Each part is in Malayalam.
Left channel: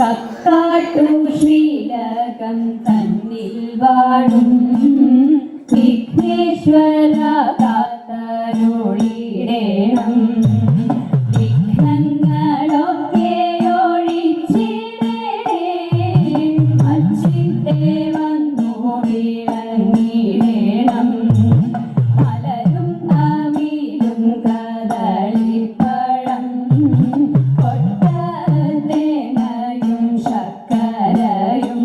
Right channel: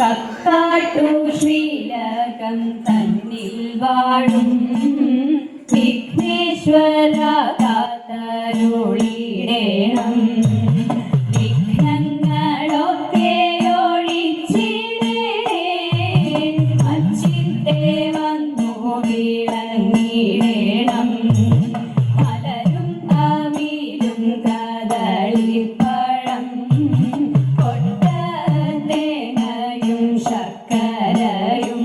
കക്കാട്ടു ശ്രീലകം തന്നിൽ വാഴും വിഘ്നേശ്വര കാത്തരുളിടേണം. വിഘ്നങ്ങളൊക്കെ ഒഴിച്ചിടേ അച്ചിത്തെ വന്നു വിളങ്ങിടേണം. മലരും അവിലും കദളിപ്പഴം കൊട്ടത്തേങ്ങയും ശർക്കരയും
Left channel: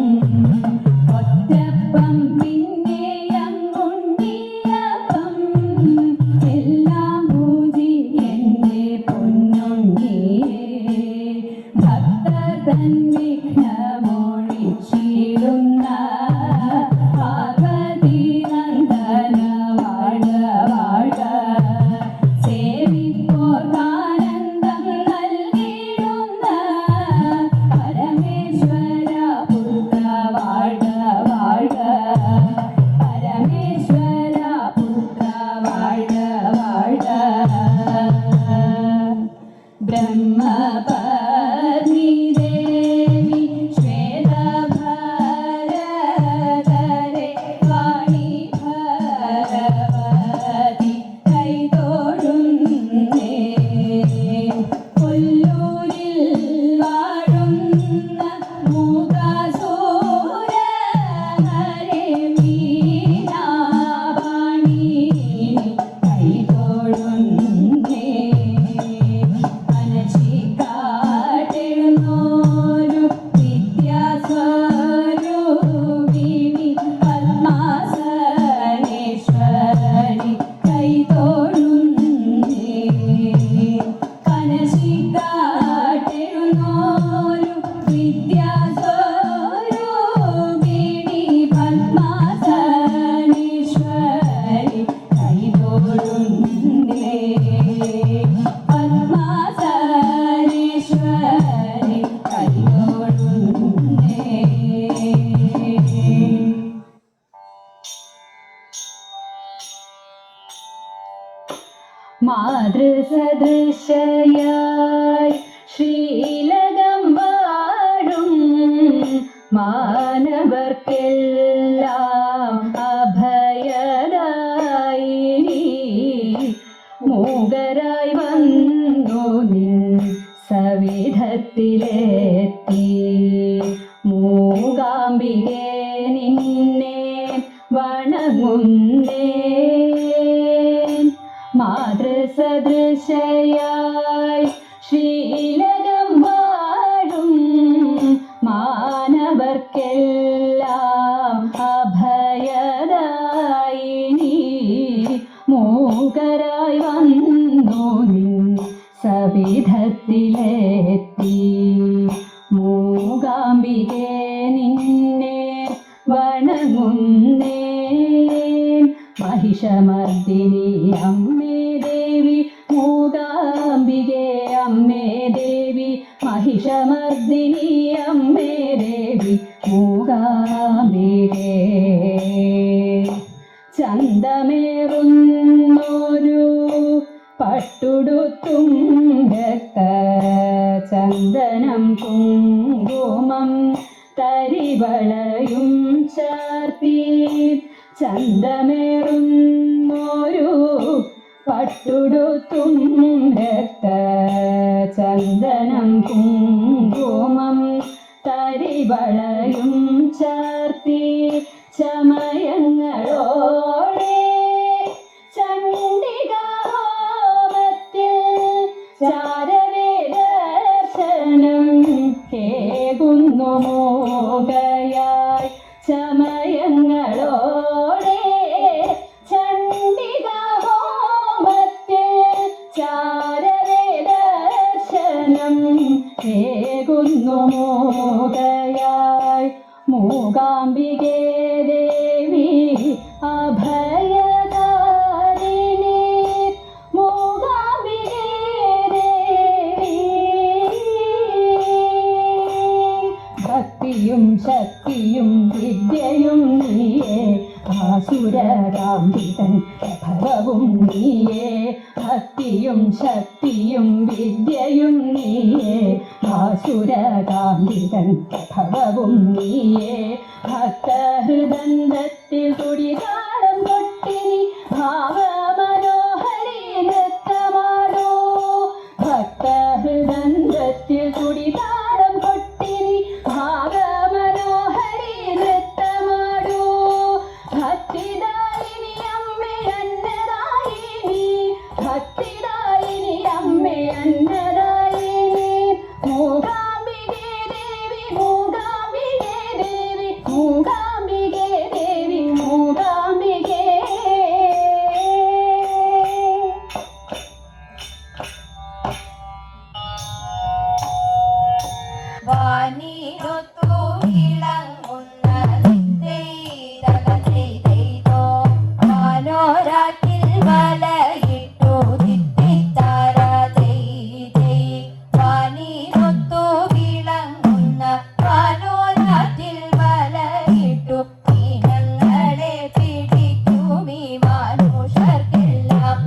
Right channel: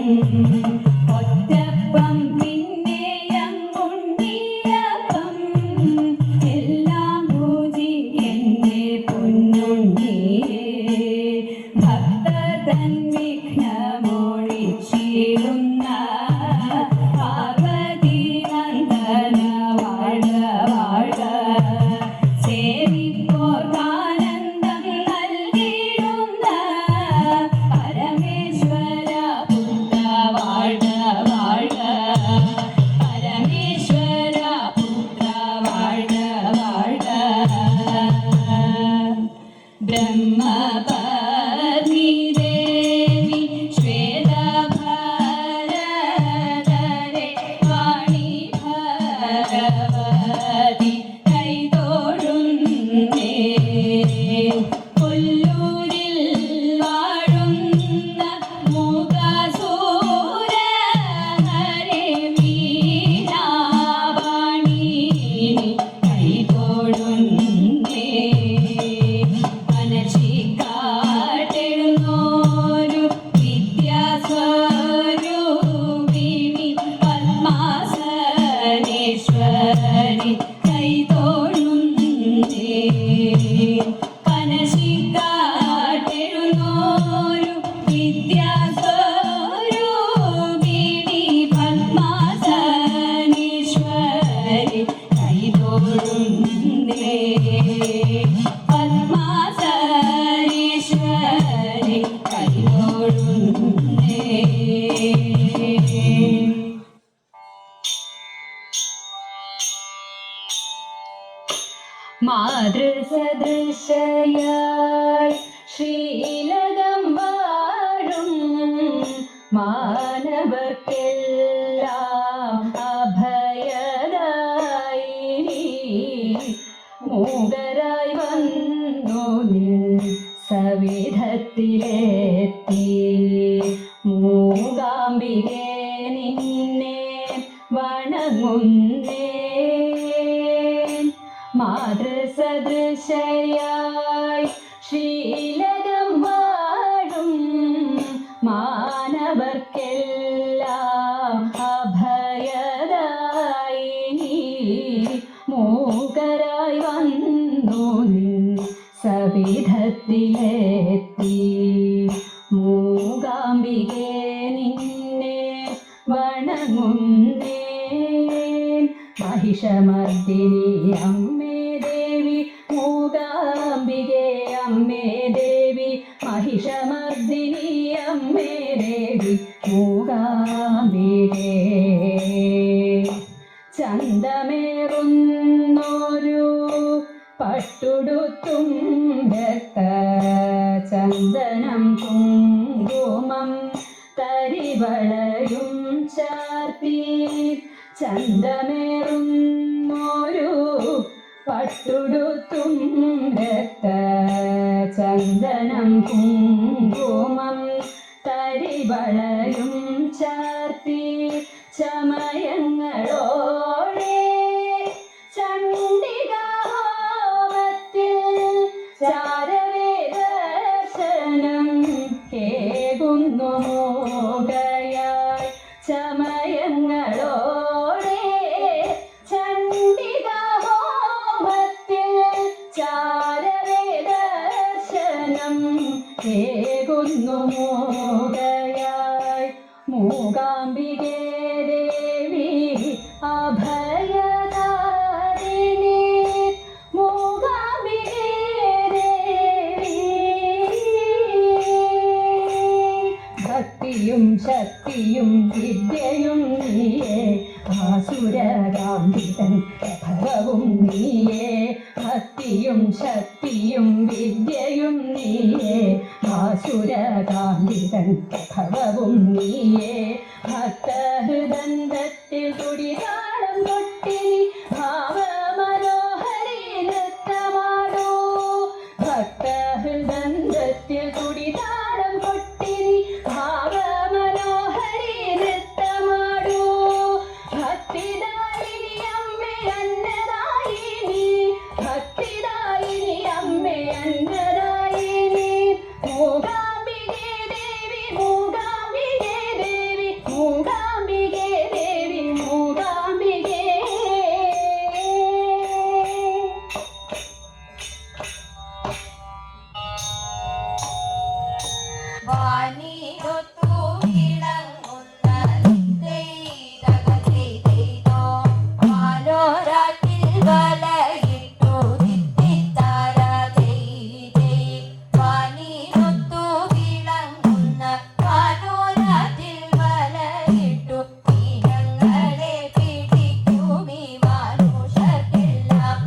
ഒറ്റപ്പം പിന്നെയങ്ങുണ്ടിയപ്പം എല്ലാം പൂജിക്കന്റെ പൊന്നുണ്ണിയേ. ഭക്തതൻ വിഘ്നമൊഴിച്ചിടുന്ന പാർവതി നന്ദന വാഴ വാഴ. സേവിപ്പോർക്കാനന്ദം നൽകിടുന്ന പരമേശ്വര പുത്ര വാഴ വാഴ. പരമേശ്വര പുത്ര വാഴ വാഴ. ബ്രഹ്മപത്നി ദേവി ശ്വേതഭരധരെ വാണി ഭഗവതി കൈതൊഴുന്നേ. കൊല്ലൂരിൽ വാഴുന്ന മൂകാസുര ഹരേ മീനാവാണി കൈതൊഴുന്നേ. മനശിക്കാട്ടെഴുന്നോരു വിദ്യാസ്വരൂപിണി പദ്മാസനേശ്വരി കൈതൊഴുന്നേ. മനശിക്കാട്ടെഴുന്നോരു വിദ്യാസ്വരൂപിണി പദ്മാസനേശ്വരി കൈതൊഴുന്നേ. പദ്മാസനേശ്വരി കൈതൊഴുന്നേ. മാതൃസദൃശയായി ശ്രീലകം വാഴും മാനവർക്കെല്ലാം അഭയദായിനി മൂകരായി വന്നു നിൻ സവിധത്തിലെത്തി. മൂകാംബികേ നിന്നെ വണങ്ങുന്നേ. മാതൃസദൃശയായി ശ്രീലകം വാഴും മാനവർക്കെല്ലാം അഭയദായിനി മൂകരായി വന്നു നിൻ സവിധത്തിലെത്തി. മൂകാംബികേ നിന്നെ വണങ്ങുന്നേ. മഹിഷമർദിനി അമ്മേ ദേവി മൂകാംബികേ അമ്മേ ദേവി. മഹിഷമർദിനി അമ്മേ ദേവി മൂകാംബികേ. ചന്തമേറുന്നൊരു പട്ടുടുത്തും രക്തചന്ദനം കുങ്കുമം തരിവളയും ചാർത്തി. ചന്തമേറുന്നൊരു പട്ടുടുത്തും രക്തചന്ദനം കുങ്കുമം തരിവളയും ചാർത്തി. ചമയങ്ങളോടെ ചണ്ഡികാമത്തിൽ ചാരവേദർശനം കേകുന്നു മോകയായി. ചമയങ്ങളോടെ ചണ്ഡികാമത്തിൽ ചാരവേദർശനം കേകുന്നു മോകയായി. മൂകാംബികേ ദേവി അഭയദാരിണി. മൂകാംബികേ ദേവി. ഭക്തിയും ശക്തിയും വിദ്യയും നീയേ. ആസുരകാന്തിതൻ ഭവവും നീയേ. ഭക്തിയും ശക്തിയും വിദ്യയും നീയേ. ഭാസുരകാന്തിതൻ ഭവവും നീയേ ഭക്തഹൃദന്തത്തിൽ കുടിതാളം കൊട്ടി ഭാവമനോഹരി നൃത്തമാടോ ഭക്തഹൃദന്തത്തിൽ കുടിതാളം കൊട്ടി ഭാവമനോഹരി നൃത്തമാടോ ഭക്തിദായിനി അമ്മേ അന്നദായിനി ഭക്തിദായിനി അമ്മേ അന്നദായിനി മൂകാംബികേ ദേവി മൂകാംബികേ ദേവി മൂകാംബികേ ദേവി മൂകാംബികേ വാനിരൊത്തു വിളങ്ങുന്ന ചെയ്തോ വാനോരാറ്റിൽ വലയിട്ടു തിത്തിത്താര വാനിരൊത്തു വിളങ്ങുന്ന വാനോരാറ്റിൽ വലയിട്ടു ഞങ്ങളെ പിടിക്കുമീ മാനുഷർക്കെല്ലാം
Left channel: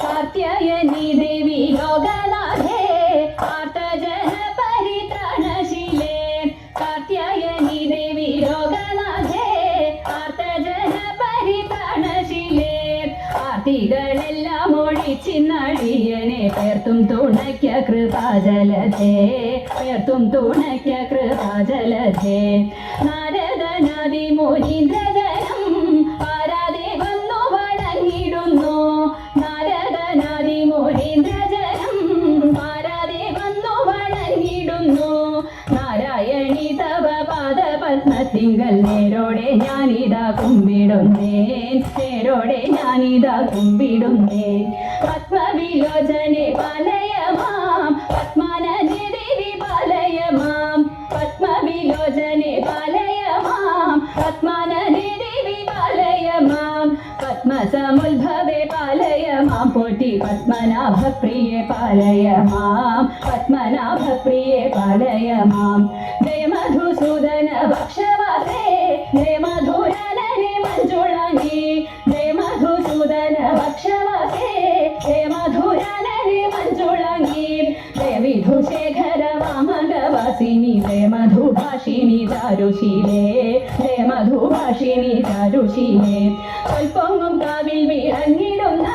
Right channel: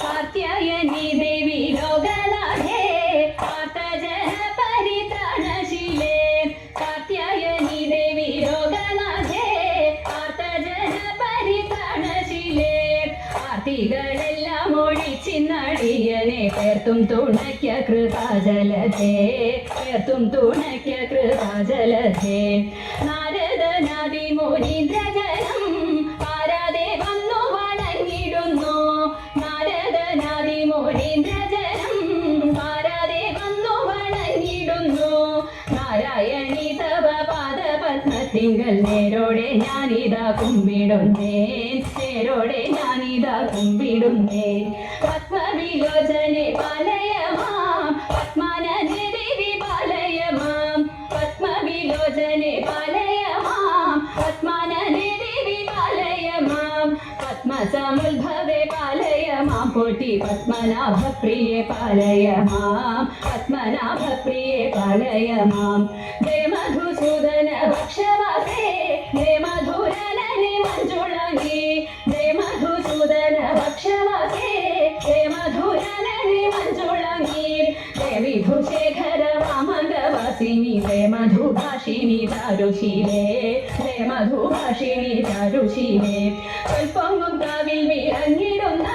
കാർത്യായനി ദേവി ലോകനാഥേ ആർത്തജന പരിത്രാണശീലേ കാർത്യായനി ദേവി ലോകനാഥേ ആർത്തജന പരിത്രാണശീലേ ആർത്തികളെല്ലാം ഒഴിച്ചിന്നടിയനെ പേർത്തും തുണയ്ക്ക കൃപാജലധേ പേർത്തും തുണയ്ക്ക കൃപാജലധേ നാരദനാദി മുനീന്ദ്രജനം പാരാതെ വന്നു വണങ്ങിടുന്നു നാരദനാദി മുനീന്ദ്രജനം പാരാതെ വന്നു വണങ്ങിടുന്നു നാരായണി തവ പാദപത്മത്തിങ്കൽ നേരോടെ ഞാനിതാ കുമ്പിടുന്നേ നേരോടെ ഞാനിതാ കുമ്പിടുന്നേ പത്മവിലോചനെ പാലയമാം പത്മാനന്ദ ദേവി പാലയമാം പത്മവിലോചനെ പാലയമാം പത്മാനന്ദ ദേവി പാലയമാം പത്മസമുദ്ഭവേ പാലയമാം പോറ്റി പത്മനാഭപ്രിയേ പാലയമാം പത്മനാഭപ്രിയേ പാലയമാം ജയ മധുസൂദന ഭക്ഷവാസേ ജയ മധുരനനെ മഞ്ജുളാംഗി ജയ മധുസൂദന ഭക്ഷവാസേ ജയ മധുരനനെ മഞ്ജുളാംഗി ജയ വിധുശേഖര വാമംഗവാസിനി ജയ മധുഭാഷിണി ചാരുശീലേ ജയ മധുഭാഷിണി ചാരുശീലേ സ്വൽപ്പൊങ്ങും കാവിൽ വിളങ്ങിടുന്ന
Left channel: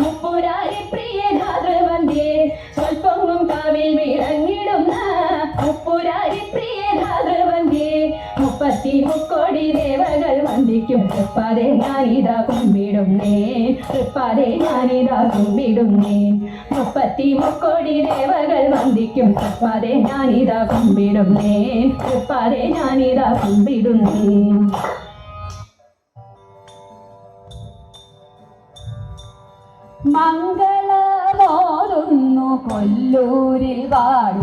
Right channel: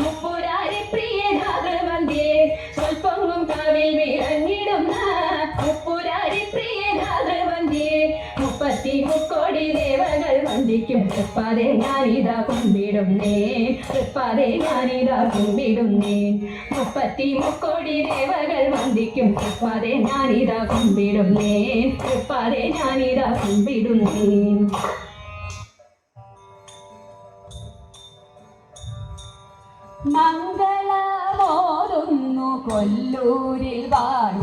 മുപ്പുരാരി പ്രിയ ധാതൃവന്ധ്യേ സ്വൽപ്പൊങ്ങും കാവിൽ വിളങ്ങിടുന്ന മുപ്പുരാരി പ്രിയ ധാതൃവന്ധ്യേ 30 ദേവകൾ വന്ദിക്കും തൃപ്പാതെ ഞാനിതാ കുമ്പിടുന്നേ തൃപ്പാതെ ഞാനിതാ കുമ്പിടുന്നേ 30 ദേവകൾ വന്ദിക്കും തൃപ്പാതെ ഞാനിതാ കുമ്പിടുന്നേ തൃപ്പാതെ ഞാനിതാ കുമ്പിടുന്നേ മംഗളമോതുന്നു കൊല്ലൂരിൽ വാഴ